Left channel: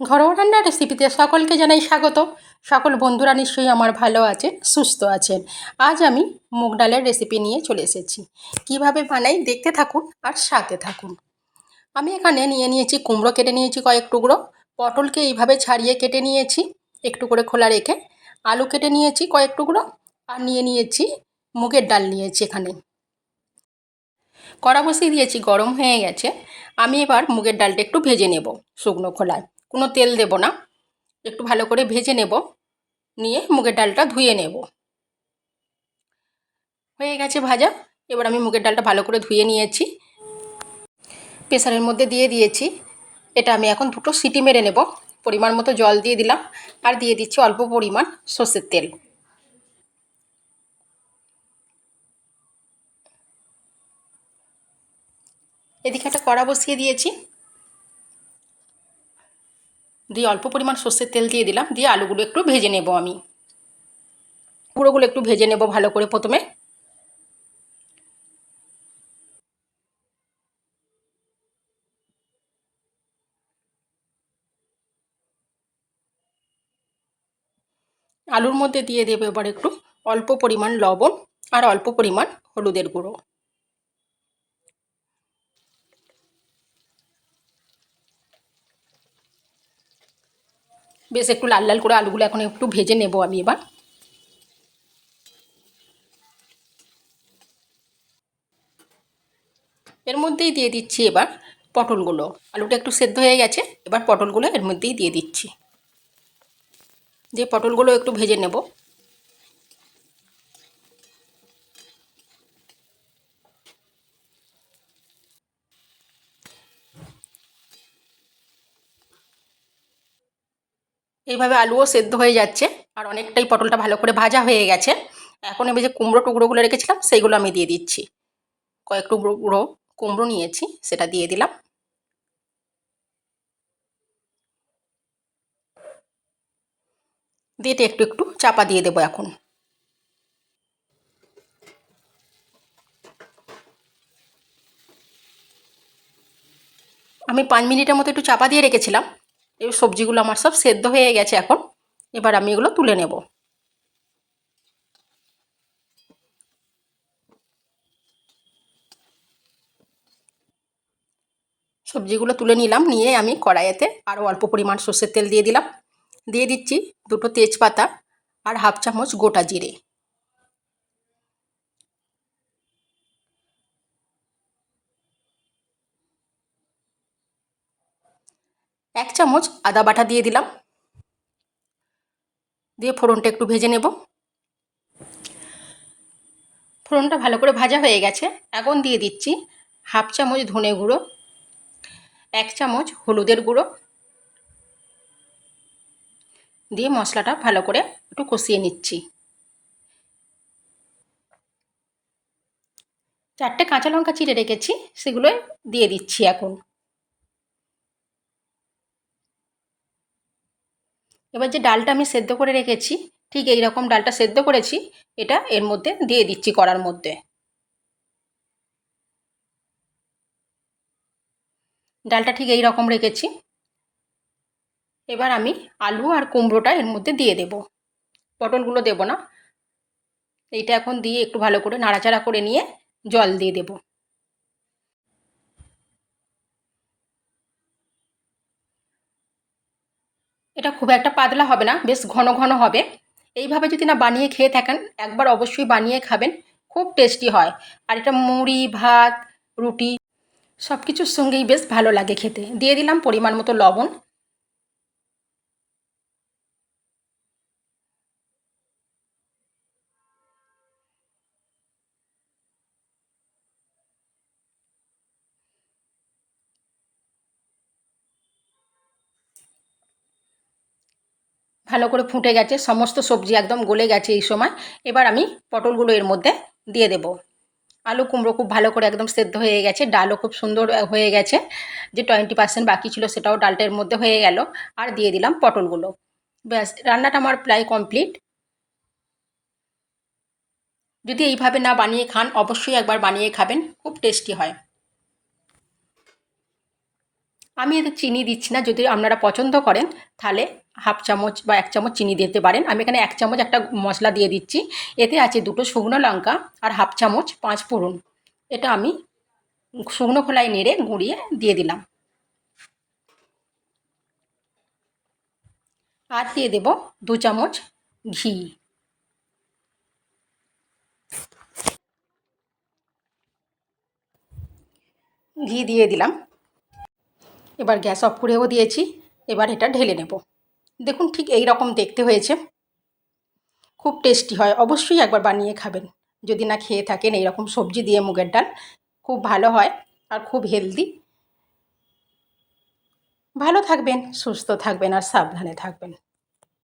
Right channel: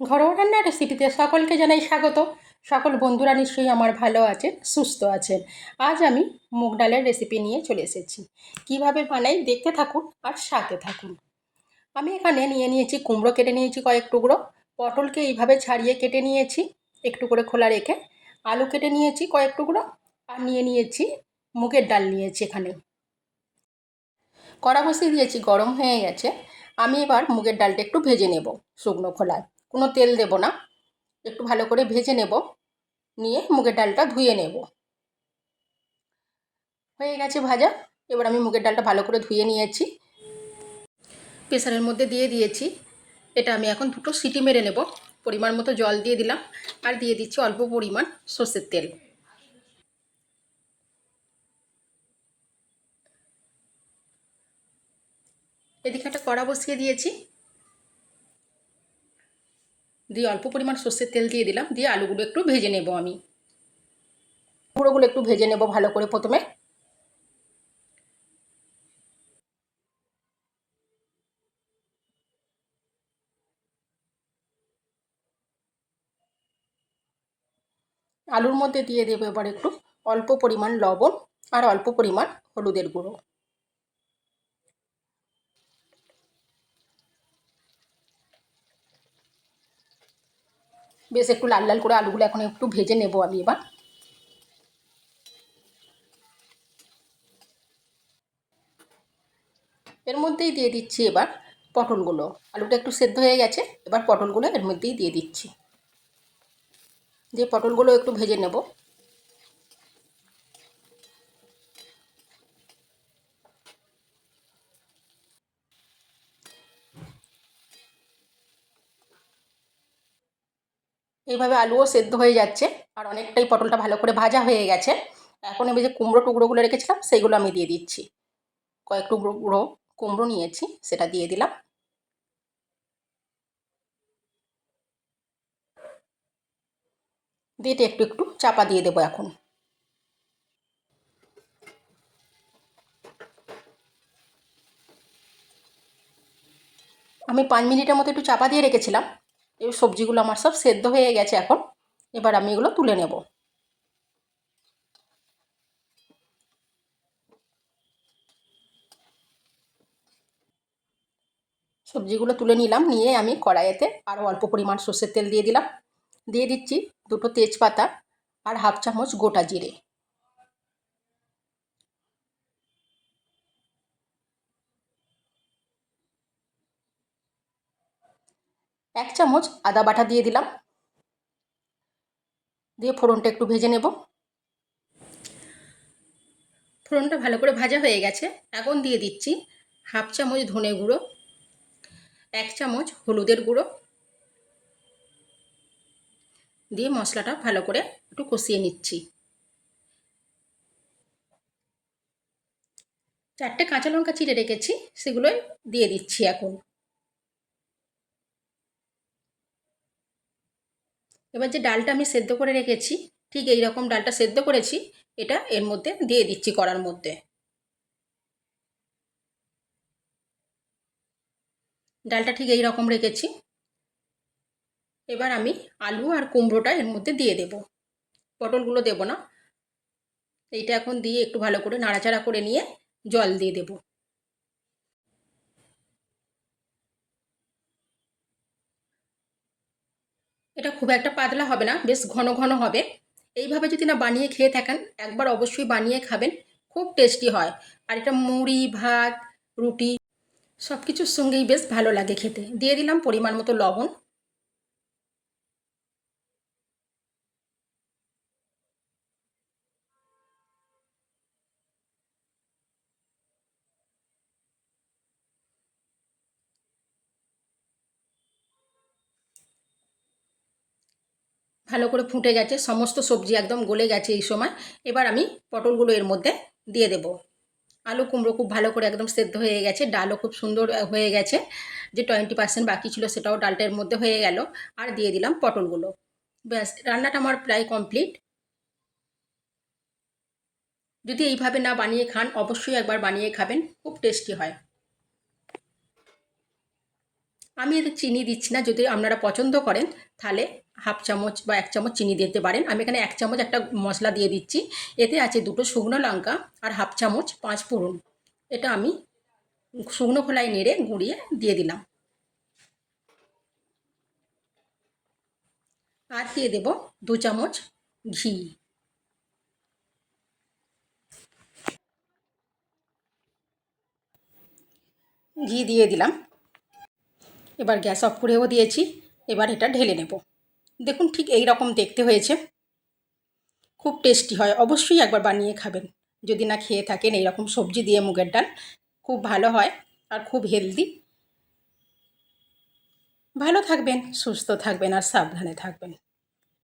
ঘরোয়া রান্নার রেসিপিতে সকলকে জানাই স্বাগত। সকল বন্ধুরা নিশ্চয়ই আমার ভালো আছেন, সুস্থ আছেন। আজ আমি মুগ ডালের রেসিপি নিয়ে চলে এসেছি। কিভাবে বানাই দেখতে থাকুন আর সাথে থাকুন। আমি এখানে নিয়ে নিয়েছি কুমড়ো, কেটে নিয়েছি কয়েক টুকরো। পটলকে এইভাবে ছাড়িয়ে কেটে নিয়েছি একটু করে খোলা রেখে। আলু কেটে নিয়েছি কয়েক টুকরো। আর নিয়ে নিয়েছি মুগের ডাল নিয়েছি এখানে। কড়া বসিয়ে দিয়েছি, গরম হয়ে গেছে। আমি এবার মুগের ডালটা একটু ভেজে নেব শুকনো খোলায়, কোনো তেল দেব না। একটু ভালো করে ভেজে নেব, নিয়ে মুগের ডালটা ধুয়ে নেব। হয়ে গেছে ভাজা। এবার আমি মুগের ডালটা ভালো করে ধুয়ে নিয়েছি, প্রেসারের মধ্যে দিয়ে দিয়েছি। এটা আমি এখন দুটো সিটি মেরে নেব। পরিমাণ মতো জল দিয়ে দিলাম, আর দিয়ে দিচ্ছি অল্প পরিমাণ সর্ষের তেল। এদিকে একটা কড়া বসিয়ে দিয়েছি, দিয়ে অল্প পরিমাণ সর্ষের তেল দিয়ে দিলাম, দিয়ে আলুগুলো একটু ভেজে নেব। আমি গুঁড়োগুলো একটু ভেজে নেব ভালো করে প্রথমে। আলুর মধ্যে দিয়ে দেবো এবার একটু অল্প পরিমাণ লবণ আর অল্প পরিমাণ হলুদের গুঁড়ো। বেশ একটু লাল লাল করে আলুগুলো এখন একটু ভেজে নেব আমি এবার। এর মধ্যেই দিয়ে দিচ্ছি এবার পটলগুলো। আলুটা একটু সেদ্ধ হয়ে গেছে, এবার পটলগুলো এর মধ্যেই দিয়ে দিচ্ছি, যে পটলগুলো একটু ভেজে নেব। এইভাবে আলুও সেদ্ধ হয়ে যাচ্ছে, আর অনেকটাই পটলটা ভালো করে ভাজা হয়ে গেছে। এখন এবার যে কুমড়ো টুকরোগুলো রেখেছিলাম সেইগুলো আমি দিয়ে দিচ্ছি। কয়েক টুকরো কুমড়ো নিয়েছি, সেটা দিয়ে দিলাম। দিয়ে একটু একটু চাপা দিয়ে দেবো এখন। আমি 5 মিনিটের মতো একটু চাপা দিয়ে রেখেছিলাম। এবার সবজিগুলো আমার সব সেদ্ধ হয়ে গেছে এখন। এবার আমি এগুলো তুলে নেব। সবজিগুলো তুলে নিলাম, নিয়ে আমি কড়াইতে আরও অল্প পরিমাণ সর্ষের তেল দিয়ে দিলাম। দিয়ে দিচ্ছি দুটো তেজপাতা আর হাফ চামচ গোটা জিরে। এক চামচ আদা বাটা দিয়ে দিলাম, দিয়ে ফোড়নটা একটু ভেজে নেব। ফোড়নটা ভালো করে ভাজা হয়ে গেছে। এখন দিয়ে দিচ্ছি হাফ চামচ ধনে গুঁড়ো, এক চামচ হলুদের গুঁড়ো, দিয়ে মশলাটা ভালো করে একটু কষিয়ে নিচ্ছি। 4টে কাঁচা লঙ্কা চিড়ে রেখেছি, সেগুলো দিয়ে দিচ্ছি এখন। এবার যে ডালটা আমি সেদ্ধ করে রেখেছি, ঠিক এই রকম ডালটা সেদ্ধ করেছি, এটা এর মধ্যে দিয়ে দিচ্ছি কড়ার মধ্যে। ডালটা ঠিক এই রকম রেখেছি। এবার আমি আলু আর কুমড়োটা এর মধ্যে দিয়ে দেব, পটলগুলো দেব না। এইটা এখন দিয়ে একটু ভালো করে নাড়াচাড়া করে নিয়ে জল দিয়ে দেব। এটা খুব একটা পাতলা হবে না, বেশ ঘন ঘন হবে। এইভাবে যদি না বানিয়ে খেয়ে থাকেন, একবার অবশ্যই বানিয়ে খাবেন, খুব টেস্টি হয়। আর এটা মুড়ি, ভাত, রুটি সব কিছুর সঙ্গেই বেশ ভালো লাগে খেতে। দিয়ে দিলাম পরিমাণ মতো লবণ। ভালো করে ফুটে গেছে, সমস্ত সবজি একদম গলে গেছে এই সময়। এবার আমি পটলগুলো এর মধ্যে দিয়ে দেব। আলু কুমড়ো খুব ভালো করে একদম সেদ্ধ হয়ে গেছে, ডালও খুব সুন্দর হয়ে গেছে। যে 20% বাকি ছিল সেটাও ডালটার মধ্যে হয়ে গেল। আর দিয়ে দিলাম পটলগুলো। ব্যাস, রান্নাটা আমার প্রায় কমপ্লিট। যদি এইভাবে না বানিয়ে খান, অবশ্যই একবার বানিয়ে খাবেন, খুব টেস্টি হয়। আমি এতে চিনি দিচ্ছি না, যদি আপনারা পছন্দ করেন তাহলে হাফ চামচ বা 1 চামচ চিনি দিতে পারেন। আমি এখানে 1 চামচ একটা মশলা দিয়ে দিচ্ছি। এতে আছে 2টো শুকনো লঙ্কা আর হাফ চামচ 5 ফোড়ন। এটা আমি শুকনো খোলায় নেড়ে গুঁড়িয়ে দিয়ে দিলাম। আর দিয়ে দেব 2 চামচ ঘি। ঘি দিয়ে দিলাম। এবার গ্যাস অফ করেও দিয়েছি। এবার এটা ঢেলে নেব। দেখুন ঠিক এই রকম দেখতে হয়েছে। খুব টেস্টি হয়, অবশ্যই একবার বানিয়ে খাবেন। যদি না খেয়ে থাকেন, এই রকম সবজি দিয়ে মুগের ডাল খুব ভালো হয় আর খুব হেলদি। ভালো থাকবেন, সুস্থ থাকবেন আর সাবধানে থাকবেন।